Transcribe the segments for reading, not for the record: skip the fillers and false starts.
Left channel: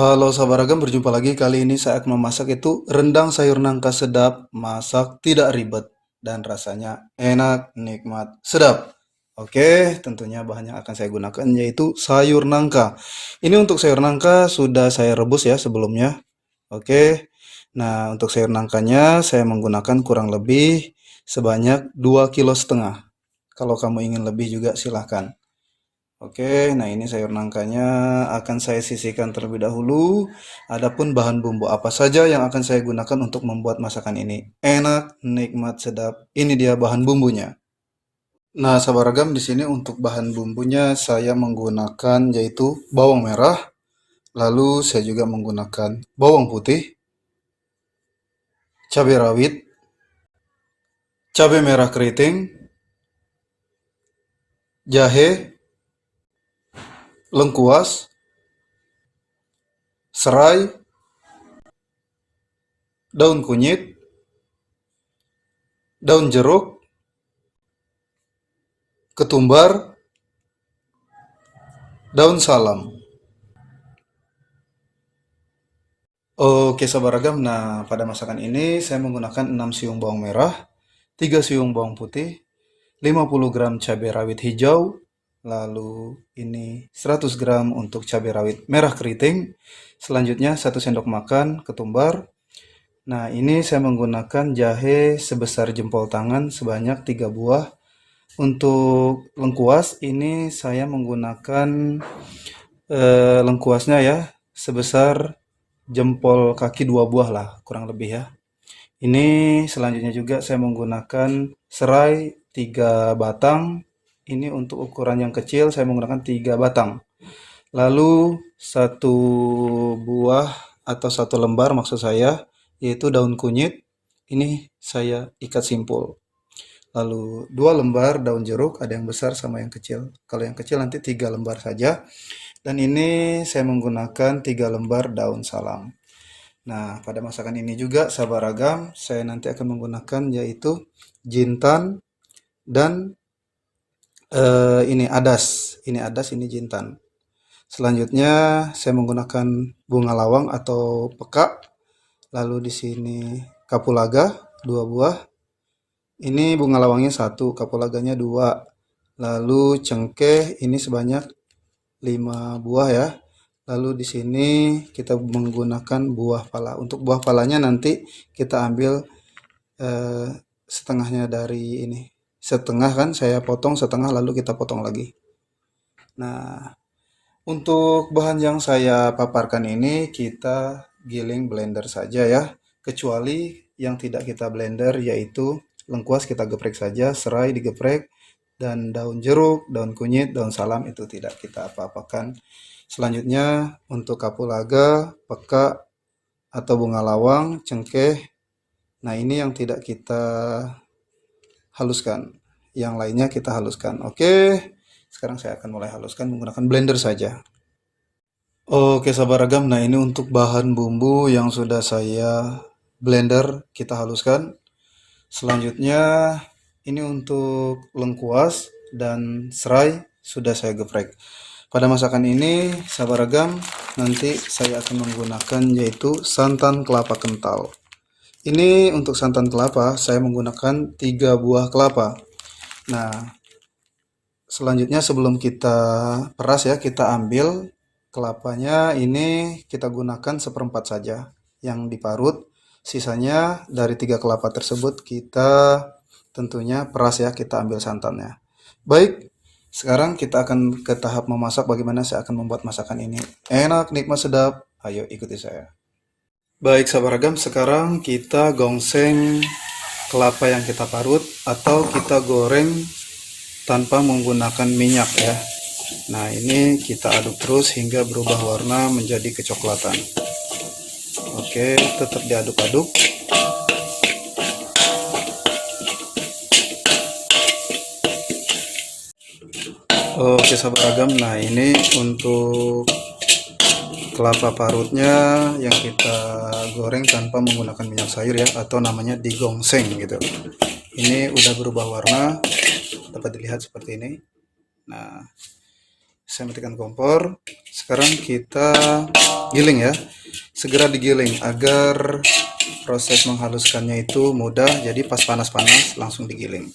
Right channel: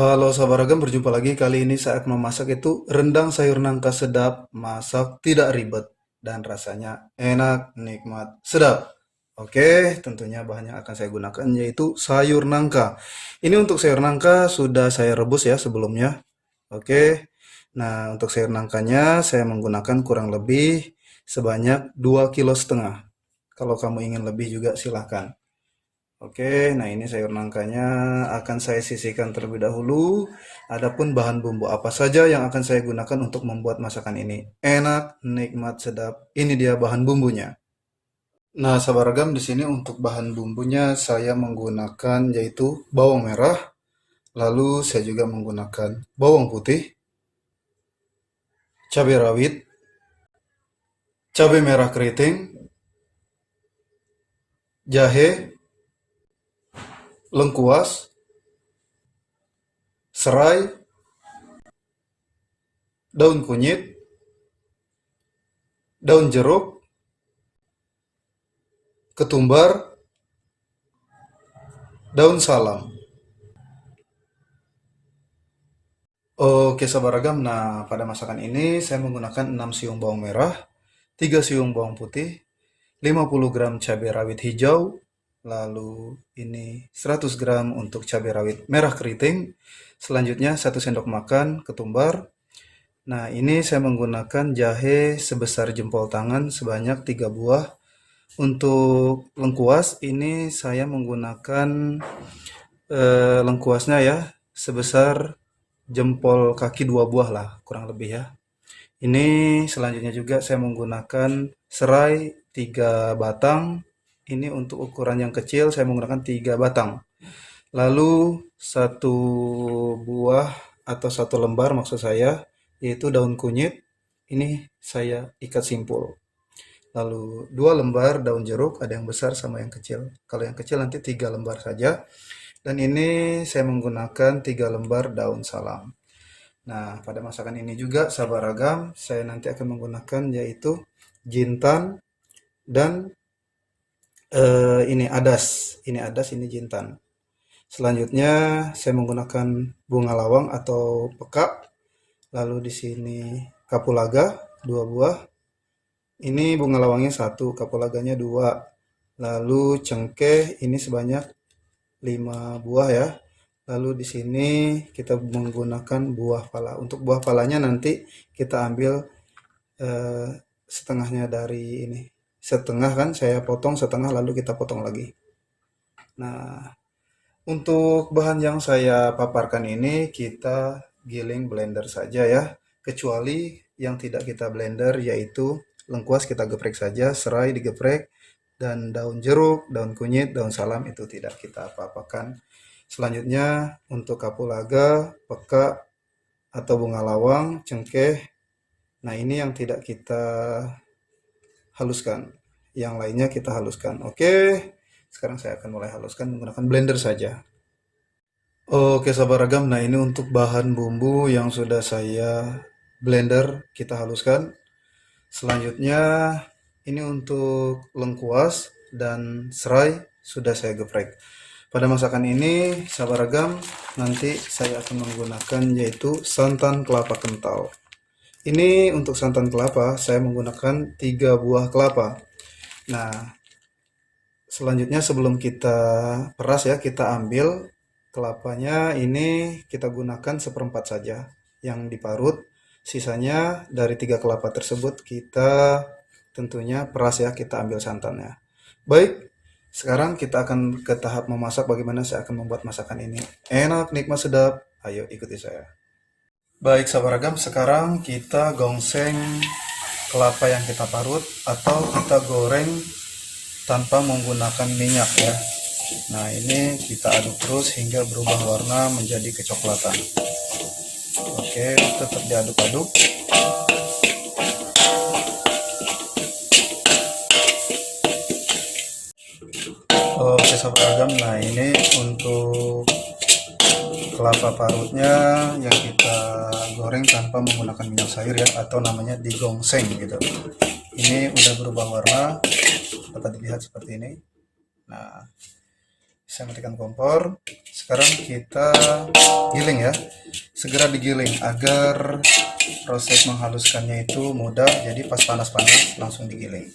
Halo sahabat Ragam, berjumpa lagi. Kali ini saya akan memasak itu rendang sayur nangka sedap, masak tidak ribet, dan rasanya enak, nikmat, sedap. Oke, tentunya bahan yang akan saya gunakan yaitu sayur nangka. Ini untuk sayur nangka sudah saya rebus ya sebelumnya. Oke, nah untuk sayur nangkanya saya menggunakan kurang lebih sebanyak 2,5 kg. Kalau kamu ingin lebih juga silahkan. Oke, nah ini sayur nangkanya akan saya sisihkan terlebih dahulu. Adapun bahan bumbu apa saja yang akan saya gunakan untuk membuat masakan ini enak, nikmat, sedap. Ini dia bahan bumbunya. Nah, sahabat ragam di sini untuk bahan bumbunya saya menggunakan yaitu bawang merah, lalu saya juga menggunakan bawang putih, cabai rawit, cabai merah keriting, jahe, lengkuas, serai, daun kunyit, daun jeruk, ketumbar, daun salam. Oke, sahabat ragam. Nah, pada masakan ini saya menggunakan 6 siung bawang merah, 3 siung bawang putih, 50 gram cabai rawit hijau, lalu ini 100 gram untuk cabai rawit merah keriting, selanjutnya 1 sendok makan ketumbar. Nah, ini saya menggunakan jahe sebesar jempol tangan sebanyak 3 buah. Untuk lengkuas ini saya menggunakan lengkuasnya ya sebesar jempol kaki 2 buah lah kurang lebih ya. Ini selanjutnya juga saya menggunakan serai 3 batang. Ini untuk ukuran yang kecil saya menggunakan 3 batang. Lalu satu buah atau satu lembar maksud saya yaitu daun kunyit. Ini saya ikat simpul. Lalu 2 lembar daun jeruk, ada yang besar sama yang kecil. Kalau yang kecil nanti 3 lembar saja. Dan ini saya menggunakan 3 lembar daun salam. Nah, pada masakan ini juga sahabat ragam, saya nanti akan menggunakan yaitu jintan dan ini adas. Ini adas, ini jintan. Selanjutnya saya menggunakan bunga lawang atau peka. Lalu di sini kapulaga 2 buah. Ini bunga lawangnya 1, kapulaganya 2. Lalu cengkeh ini sebanyak 5 buah ya. Lalu di sini kita menggunakan buah pala. Untuk buah palanya nanti kita ambil eh, setengahnya dari ini. Setengah kan saya potong setengah lalu kita potong lagi. Nah, untuk bahan yang saya paparkan ini kita giling blender saja ya. Kecuali yang tidak kita blender yaitu lengkuas kita geprek saja, serai digeprek, dan daun jeruk, daun kunyit, daun salam itu tidak kita apa-apakan. Selanjutnya untuk kapulaga, peka atau bunga lawang, cengkeh. Nah, ini yang tidak kita haluskan. Yang lainnya kita haluskan. Oke, sekarang saya akan mulai haluskan menggunakan blender saja. Oke, sahabat ragam. Nah, ini untuk bahan bumbu yang sudah saya blender, kita haluskan. Selanjutnya, ini untuk lengkuas dan serai sudah saya geprek. Pada masakan ini, sahabat ragam, nanti saya akan menggunakan yaitu santan kelapa kental. Ini untuk santan kelapa, saya menggunakan 3 buah kelapa. Nah, selanjutnya sebelum kita peras ya, kita ambil kelapanya ini kita gunakan seperempat saja yang diparut. Sisanya dari 3 kelapa tersebut kita tentunya peras ya, kita ambil santannya. Baik, sekarang kita akan ke tahap memasak bagaimana saya akan membuat masakan ini. Enak, nikmat, sedap. Ayo ikuti saya. Baik, sahabat ragam, sekarang kita gongseng kelapa yang kita parut atau kita goreng tanpa menggunakan minyak ya. Nah, ini kita aduk terus hingga berubah warna menjadi kecoklatan. Oke, tetap diaduk-aduk. Oke, sahabat ragam, nah ini untuk kelapa parutnya yang kita goreng tanpa menggunakan minyak sayur ya, atau namanya digongseng gitu. Ini udah berubah warna, dapat dilihat seperti ini. Nah, Saya matikan kompor. Sekarang kita giling ya. Segera digiling agar proses menghaluskannya itu mudah. Jadi pas panas-panas langsung digiling.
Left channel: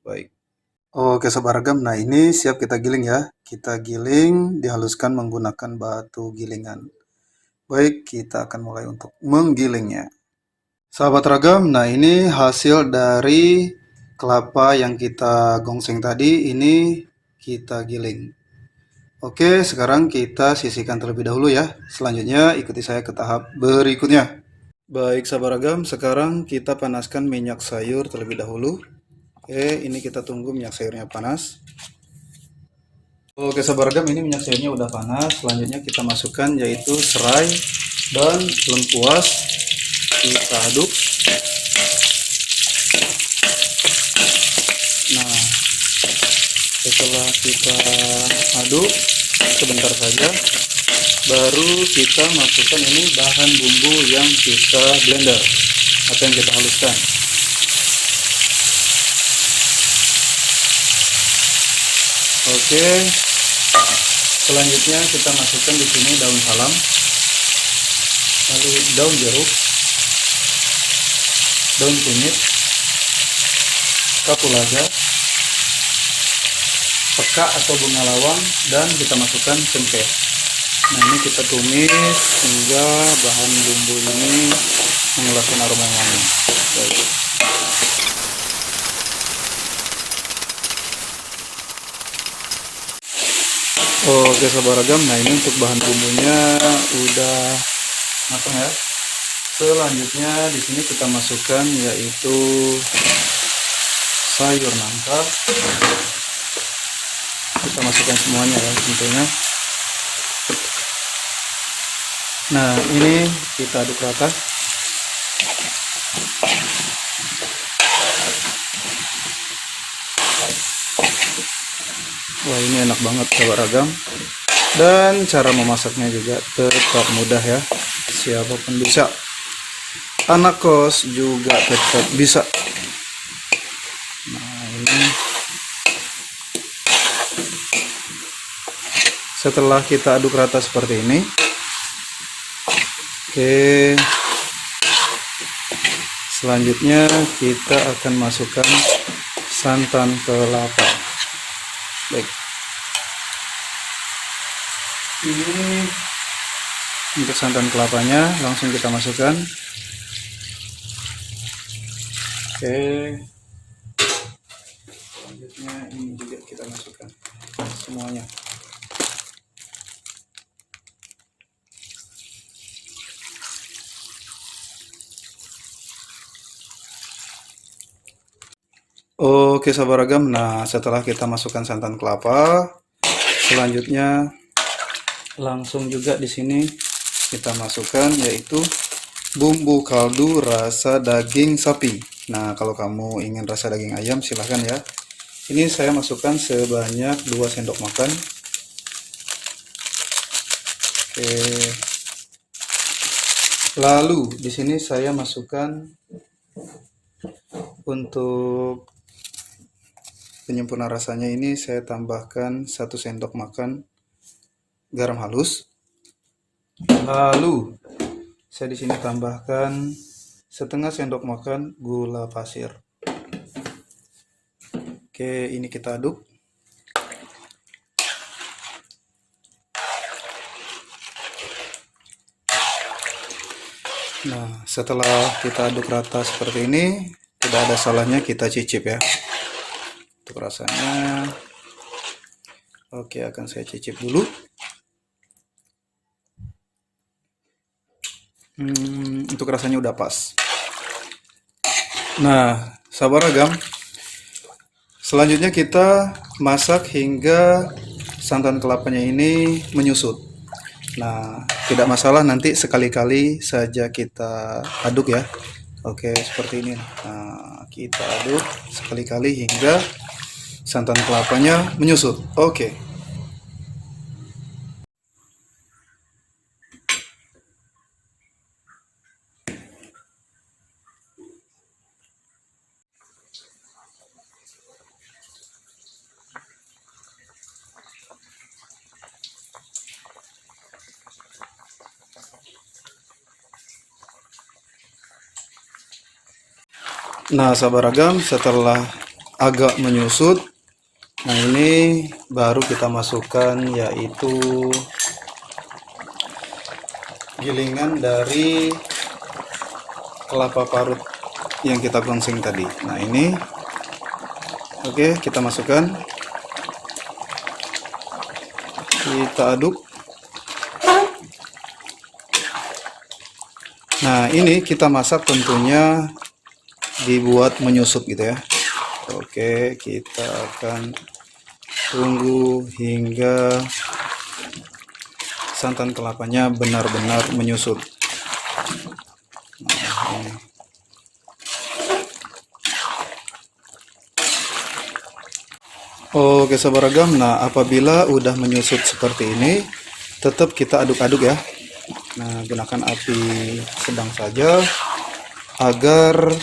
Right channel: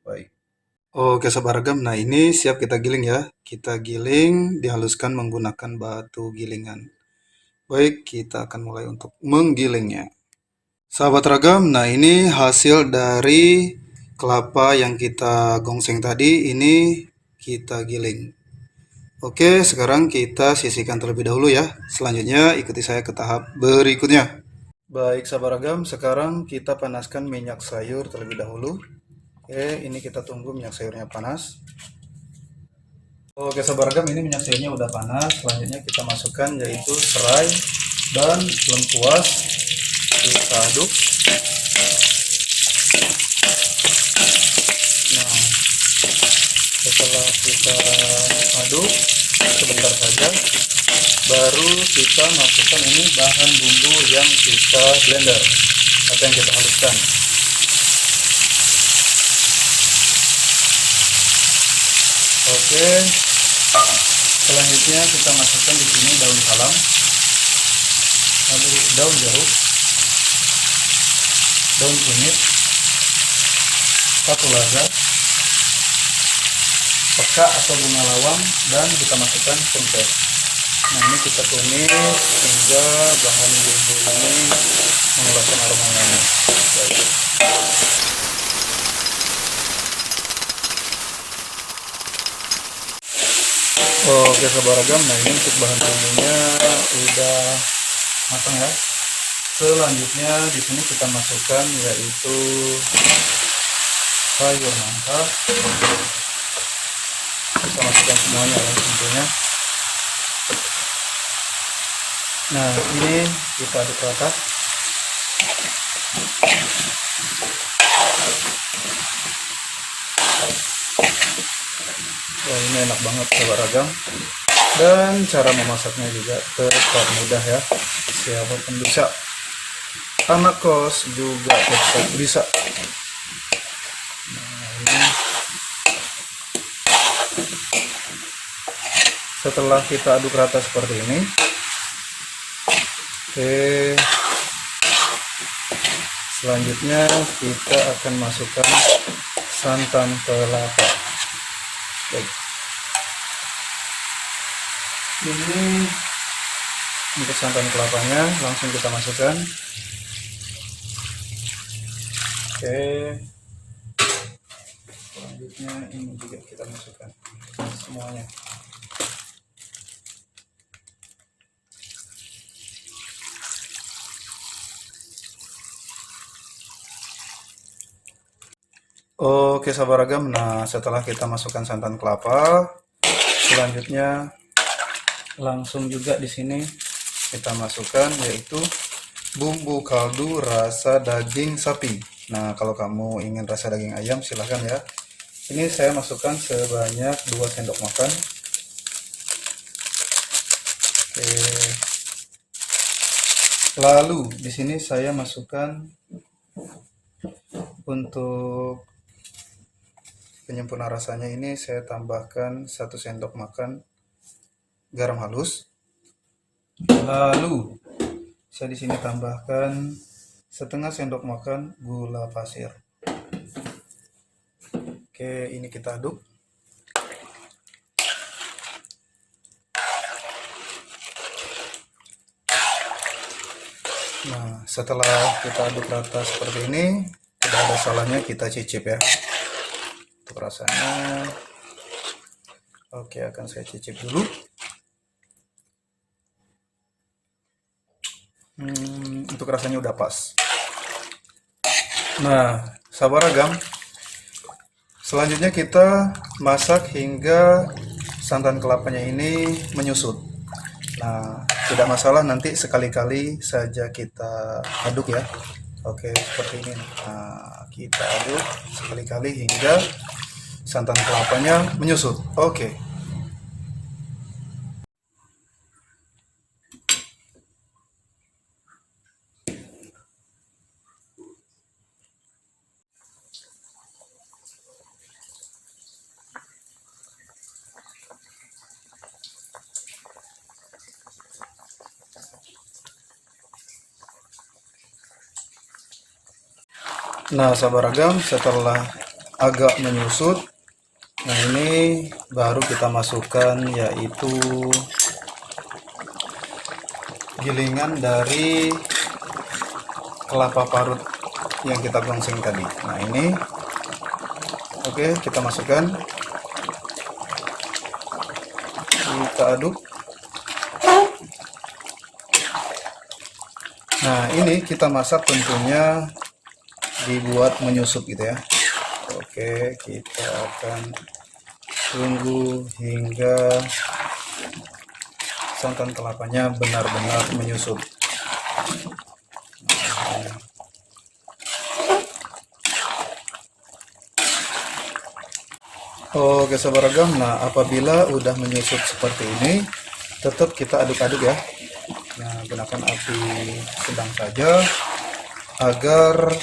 Baik. Oke Sobat Ragam, nah ini siap kita giling ya. Kita giling, dihaluskan menggunakan batu gilingan. Baik, kita akan mulai untuk menggilingnya. Sahabat Ragam, nah ini hasil dari kelapa yang kita gongseng tadi, ini kita giling. Oke, sekarang kita sisihkan terlebih dahulu ya. Selanjutnya ikuti saya ke tahap berikutnya. Baik sahabat Ragam, sekarang kita panaskan minyak sayur terlebih dahulu. Oke, ini kita tunggu minyak sayurnya panas. Oke sahabat Ragam, ini minyak sayurnya udah panas. Selanjutnya kita masukkan yaitu serai dan lengkuas. Kita aduk. Nah, setelah kita aduk sebentar saja, baru kita masukkan ini bahan bumbu yang kita blender atau yang kita haluskan. Oke, selanjutnya kita masukkan di sini daun salam, lalu daun jeruk, daun kunyit, kapulaga, peka atau bunga lawang, dan kita masukkan cengkeh. Nah ini kita tumis hingga bahan bumbu ini mengeluarkan aroma wangi. Oke sahabat Ragam, nah ini untuk bahan bumbunya udah matang ya. Selanjutnya di sini kita masukkan yaitu sayur nangka. Kita masukkan semuanya ya tentunya. Nah ini kita aduk rata. Wah ini enak banget sahabat Ragam. Dan cara memasaknya juga tetap mudah ya. Siapapun bisa. Anak kos juga tetap bisa. Nah ini setelah kita aduk rata seperti ini. Oke, selanjutnya kita akan masukkan santan kelapa. Baik, ini untuk santan kelapanya langsung kita masukkan. Oke, selanjutnya ini juga kita masukkan semuanya. Oke sahabat Ragam, nah setelah kita masukkan santan kelapa, selanjutnya langsung juga di sini kita masukkan yaitu bumbu kaldu rasa daging sapi. Nah kalau kamu ingin rasa daging ayam silahkan ya. Ini saya masukkan sebanyak 2 sendok makan. Oke. Lalu di sini saya masukkan untuk penyempurna rasanya ini saya tambahkan 1 sendok makan garam halus. Lalu saya di sini tambahkan setengah sendok makan gula pasir. Oke, ini kita aduk. Nah, setelah kita aduk rata seperti ini, tidak ada salahnya kita cicip ya. Untuk rasanya, oke akan saya cicip dulu. Untuk rasanya udah pas. Nah, sahabat Ragam, selanjutnya kita masak hingga santan kelapanya ini menyusut. Nah, tidak masalah nanti sekali-kali saja kita aduk ya. Oke, seperti ini. Nah, kita aduk sekali-kali hingga santan kelapanya menyusut. Oke. Nah, sahabat ragam, setelah agak menyusut, nah ini baru kita masukkan yaitu gilingan dari kelapa parut yang kita gongseng tadi. Nah, ini oke, kita masukkan, kita aduk. Nah, ini kita masak tentunya dibuat menyusut gitu ya. Oke, kita akan tunggu hingga santan kelapanya benar-benar menyusut. Oke, sahabat ragam, nah apabila udah menyusut seperti ini, tetap kita aduk-aduk ya. Nah, gunakan api sedang saja agar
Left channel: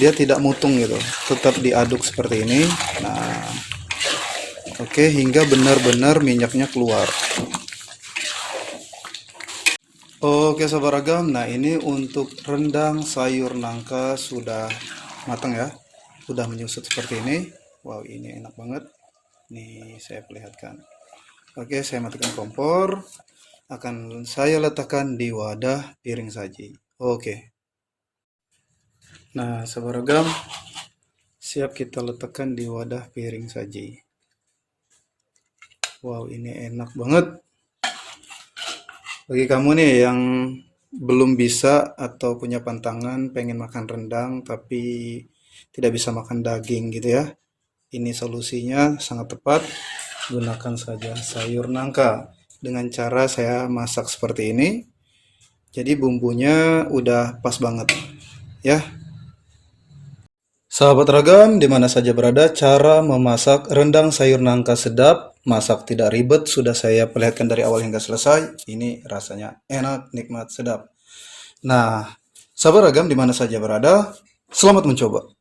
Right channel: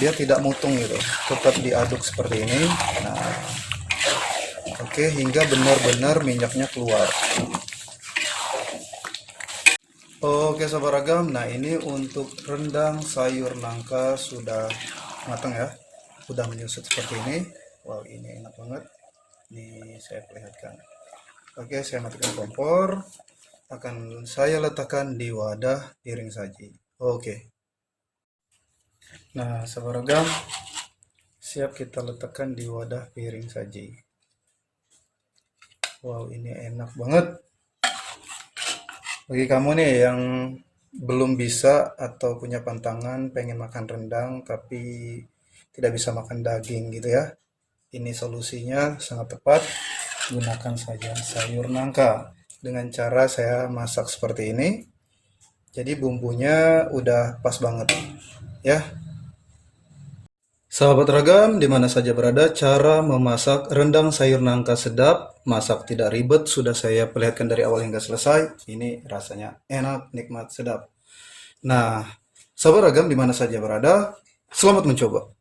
dia tidak mutung gitu, tetap diaduk seperti ini. Nah, oke, hingga benar-benar minyaknya keluar. Oke, sahabat ragam, nah ini untuk rendang sayur nangka sudah matang ya, sudah menyusut seperti ini. Wow, ini enak banget nih, saya perlihatkan. Oke, saya matikan kompor, akan saya letakkan di wadah piring saji. Oke, nah sahabat ragam, siap kita letakkan di wadah piring saji. Wow, ini enak banget. Bagi kamu nih yang belum bisa atau punya pantangan pengen makan rendang tapi tidak bisa makan daging gitu ya, ini solusinya sangat tepat. Gunakan saja sayur nangka dengan cara saya masak seperti ini. Jadi bumbunya udah pas banget ya. Sahabat ragam, di mana saja berada, cara memasak rendang sayur nangka sedap, masak tidak ribet, sudah saya perlihatkan dari awal hingga selesai. Ini rasanya enak, nikmat, sedap. Nah, sahabat ragam di mana saja berada, selamat mencoba.